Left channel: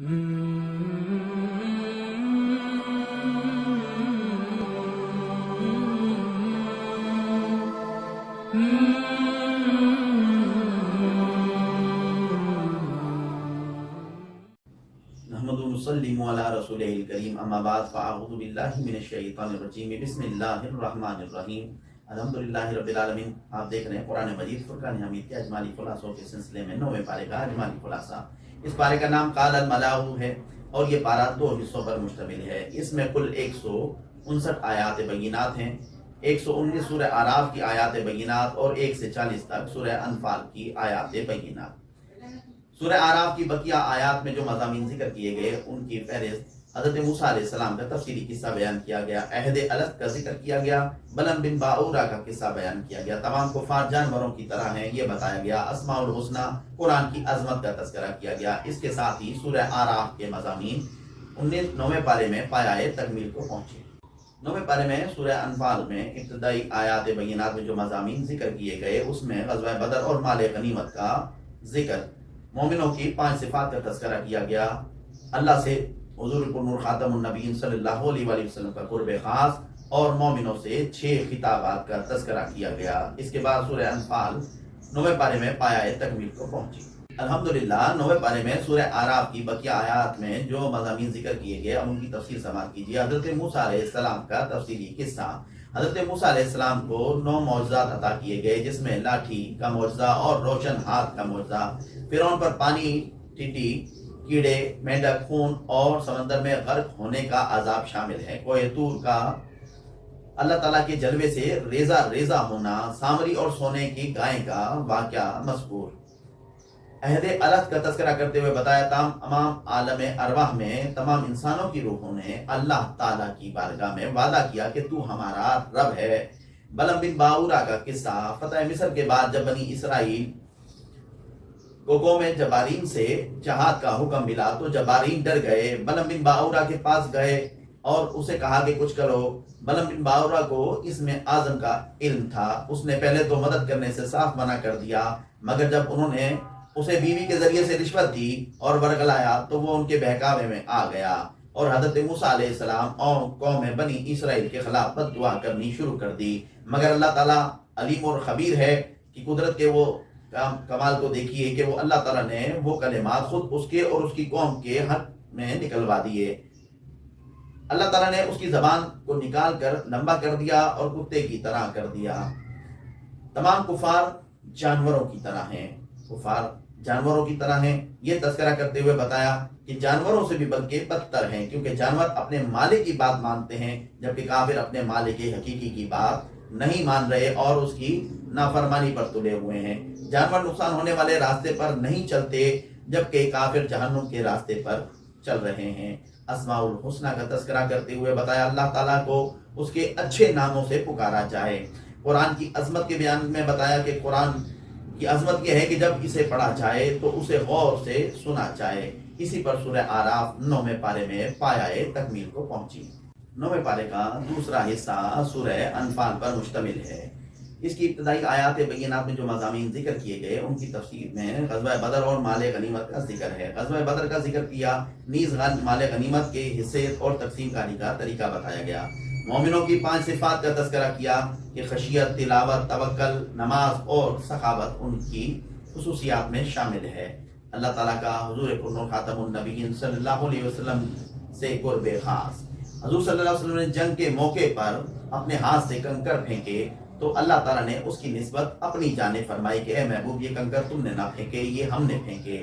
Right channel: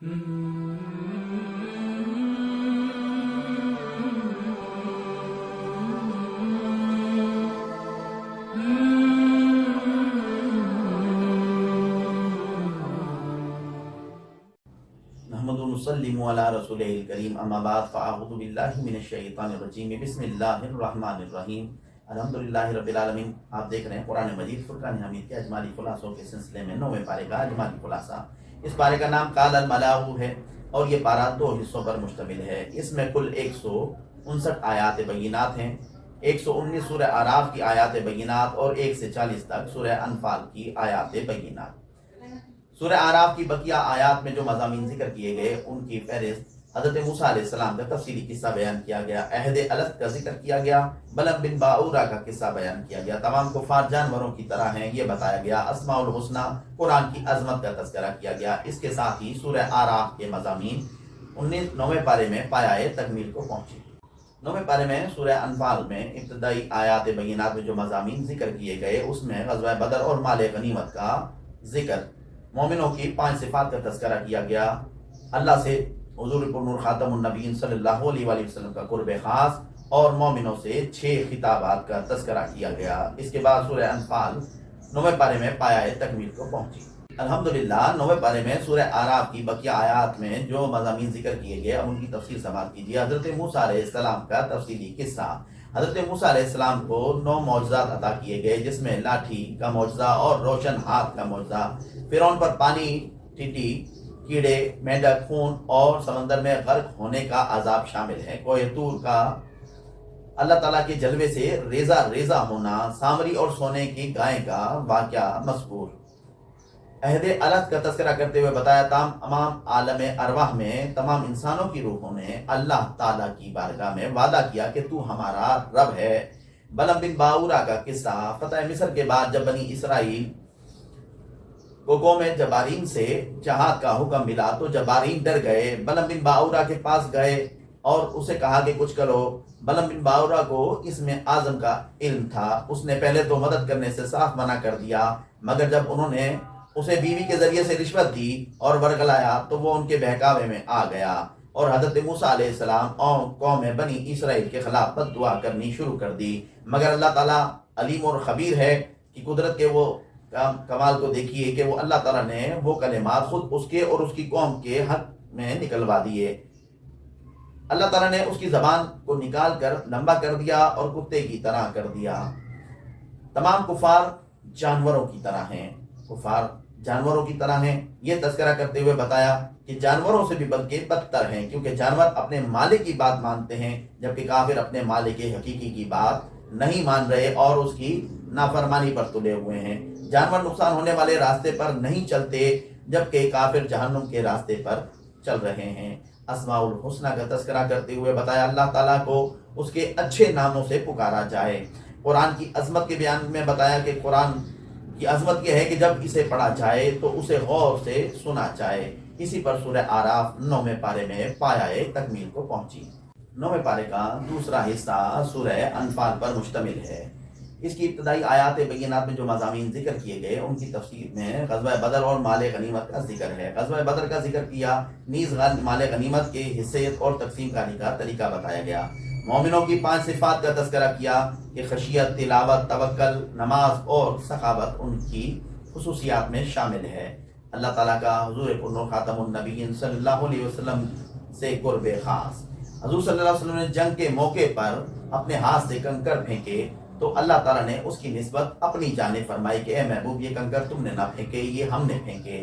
नहमदु व नुसल्लिमु अला रसूलिहिल करीम अम्मा बाद फ़अऊज़ु बिल्लाहि मिनश शैतानिर रजीम बिस्मिल्लाहिर रहमानिर रहीम अल्हम्दुलिल्लाहि रब्बिल आलमीन। आप देख रहे हैं कुरान मजीद फुरकान हमीद के अजमाली खुलासों के सिलसिले में 9वें पारे का अजमाली खुलासा। इस पारे का नाम काल अल मलाउ है और ये पारा 2 हिस्सों पर मुश्तमिल है। इसमें कुल 159 आयात बय्यिनात हैं। 119 सूरह आराफ की आयात बय्यिनात और 1 से 40 तक सूरह अनफाल की आयात बय्यिनात। सूरह आराफ की बकिया आयात में जो मज़ामीन जिक्र किए गए उनकी फहरिस्त हज़रत मूसा अलैहिस्सलाम का तफसीली किस्सा बयान किया गया, अहद अलत का जिक्र किया गया, बलम बिन बाऊरा का किस्सा बयान किया गया। तमाम कुफार जानवरों की तरह हैं ये बताया गया। अस्माउल हुस्ना कुरान की अजमत का तज़किरा किया गया। इसके साथ ही सूरह आराफ के मज़ामीन 9वें पारे में पायाए तकमील को पहुँचे। 9वें पारे में सूरह अनफाल में इब्तदाई आयात बय्यिनात में जो मज़ामीन जिक्र किए गए उसमें ग़ज़वा बदर और माल गनीमत का जिक्र, मोमिनों की 5 सिफात का तज़किरा किया गया, अल्लाह से हुज़ूर नूर ख़ातमुन नबीय्यीन सल्लल्लाहु अलैहि वसल्लम का कुर्ब ख़ास और मोमिनों से 6 खिताबात का तज़किरा किया गया। इसके बाद सूरह अनफाल 9वें पारे में पायाए तकमील को पहुंची। अल्हम्दुलिल्लाह 9वें पारे में सूरह आराफ की बकिया आयात में जो मज़ामीन जिक्र किए गए उनकी तफसील समाअत कीजिए। हज़रत मूसा अलैहिस्सलाम का तफसीली किस्सा। हज़रत मूसा अलैहिस्सलाम को 9 मौजज़ात अता किए गए जिसमें लाठी का मौजज़ा और रोशन हाथ का मौजज़ा, फिरौन पर पानी, टिड्डी, कीड़े, मेंढक, खून और समंदर में गर्क होने का अजाब शामिल है। कोहे तूर का अल्लाह ताला के जलवे से रेजा रेजा होना, सामरी और सोने की गाय का वाक़या मज़कूर। अहद अलत का तज़किरा करते हुए बताया तमाम आलम अरवाह में तमाम इंसानों की रूहों ने अल्लाह ताला की बारगाह में वादा किया कि तू हमारा रब है। बलम बिन बाऊरा का किस्सा, फतह मिस्र के बाद जब बनी इसराइल को कौम जबारीन से जहाद का हुक्म मिला तो जबारीन डर गए, बलम बिन बाऊरा के पास गए और उसे कहा कि कुछ करो। बलम बिन बाऊरा को इसमें आज़म का इल्म था, उसने पहले तो मदद करने से साफ मना कर दिया, मगर जब उन्होंने उसे बीवी के जरिए से रिश्वत दी और वर्गलाया तो वो उनके बहकावे में आ गया और हज़रत मूसा अलैहिस्सलाम और कौम बनी इसराइल के खिलाफ बद्दुआ करनी शुरू कर दी। मगर अल्लाह ताला अलीम और खबीर है कि कुदरत के वो कमाल को देखिए कि वो अल्लाह ताला ने वो कलिमात खुद उसके और उसकी कौम के हक में निकलवा दिए। अल्लाह ताला ने उसकी ज़बान को निकाल कर लंबा कर दिया और कुत्ते की तरह कर दिया। तमाम कुफार जानवरों की तरह हैं, कुफार जानवरों की तरह हैं। ये तज़किरा करते हुए बताया कि जानवरों से भी बल्कि बदतर हैं, क्योंकि जानवर अपने मालिक की बात मानते हैं जबकि काफिर अपने मालिक के हकीकी की बात नहीं मान रहे और उसकी नाफरमानी पर तुले हुए हैं। जानवर नुकसान होने वाले रास्ते पर नहीं चलते जबकि काफिर जहन्नुम के रास्ते पर चल रहे हैं। अस्माउल हुस्ना का तज़किरा करते हुए बताया अल्लाह ताला को उसके अच्छे नामों से पुकारा जाए। कुरान की अज़मत के बयान में बताया कि कुरान की अज़मत यह है कि जब इसे पढ़ा जाए तो उसे गौर से सुना जाए। इसी पर सूरह आराफ 9वें पारे में पायाए तकमील को पहुंची। 9वें पारे का दूसरा हिस्सा सूरह अनफाल पर मुश्तमिल है। इसकी इब्तदाई आयात बय्यिनात में जो मज़ामीन जिक्र किए गए उनकी तफसीर में ग़ज़वा बदर और माल गनीमत का जिक्र है। ग़ज़वा बदर का जिक्र किया, नीज़ माल गनीमत के हिस्से और तकसीम कारी का तरीका बताया गया। मोमिनों की 5 सिफात का तज़किरा किया कि खशियत, तिलावत, तवक्कल, नमाज और सखावत उनकी खुसूसियात में शामिल है। अल्लाह ताला का हुज़ूर नूर ख़ातमुन नबीय्यीन सल्लल्लाहु अलैहि वसल्लम से कुर्ब ख़ास। हज़ूर सल्लल्लाहु अलैहि वसल्लम ने जंग के मौके पर अपने हाथ से कंकर फेंके तो अल्लाह ताला ने उसकी निस्बत अपनी जाने फरमाई कि ए महबूब ये कंकर तुमने ना फेंके, ये हमने फेंके।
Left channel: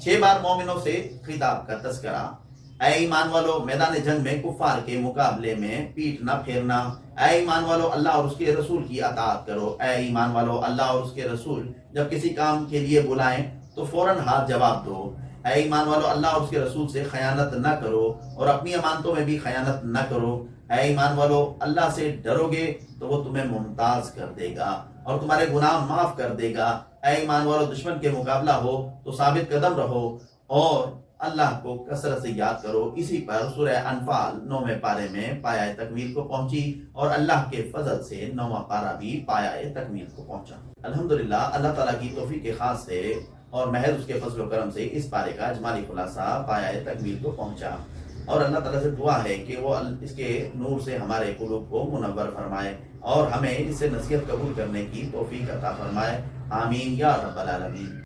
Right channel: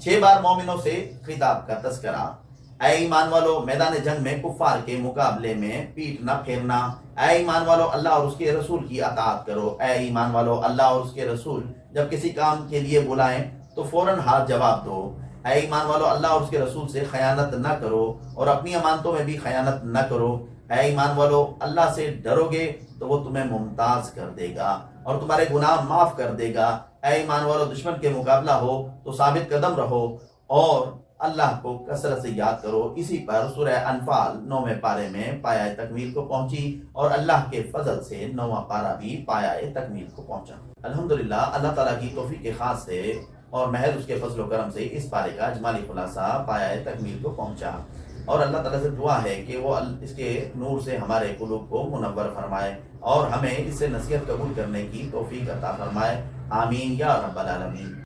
6 बार मोमिनों से खिताब का तज़किरा। ऐ ईमान वालो, मैदान जंग में कुफार के मुकाबले में पीठ न फेरना। ऐ ईमान वालो, अल्लाह और उसके रसूल की अताअत करो। ऐ ईमान वालो, अल्लाह और उसके रसूल जब किसी काम के लिए बुलाएं तो फौरन हाथ जवाब दो। ऐ ईमान वालो, अल्लाह और उसके रसूल से खयानत न करो और अपनी अमानतों में भी खयानत न करो। ऐ ईमान वालो, अल्लाह से डरोगे तो वो तुम्हें मुमताज कर देगा और तुम्हारे गुनाह माफ कर देगा। ऐ ईमान वालो, दुश्मन के मुकाबला हो तो साबित कदम रहो और अल्लाह को कसरत से याद करो। इसी पर सूरह अनफाल 9वें पारे में पाया तकमील को पहुंची और अल्लाह के फजल से 9वां पारा भी पाया तकमील को पहुंचा। अल्हम्दुलिल्लाह, अल्लाह ताला की तौफीक के खास से اور محض اس کے فضل و کرم سے اس پارے کا اجمالی خلاصہ پایہ تکمیل کو پہنچا، اور اللہ تعالیٰ سے دعا ہے کہ وہ اس کے نور سے ہمارے قلوب کو منور فرمائے اور ہمیں اس سے نصیحت قبول کرنے کی توفیق عطا فرمائے، آمین یا رب العالمین۔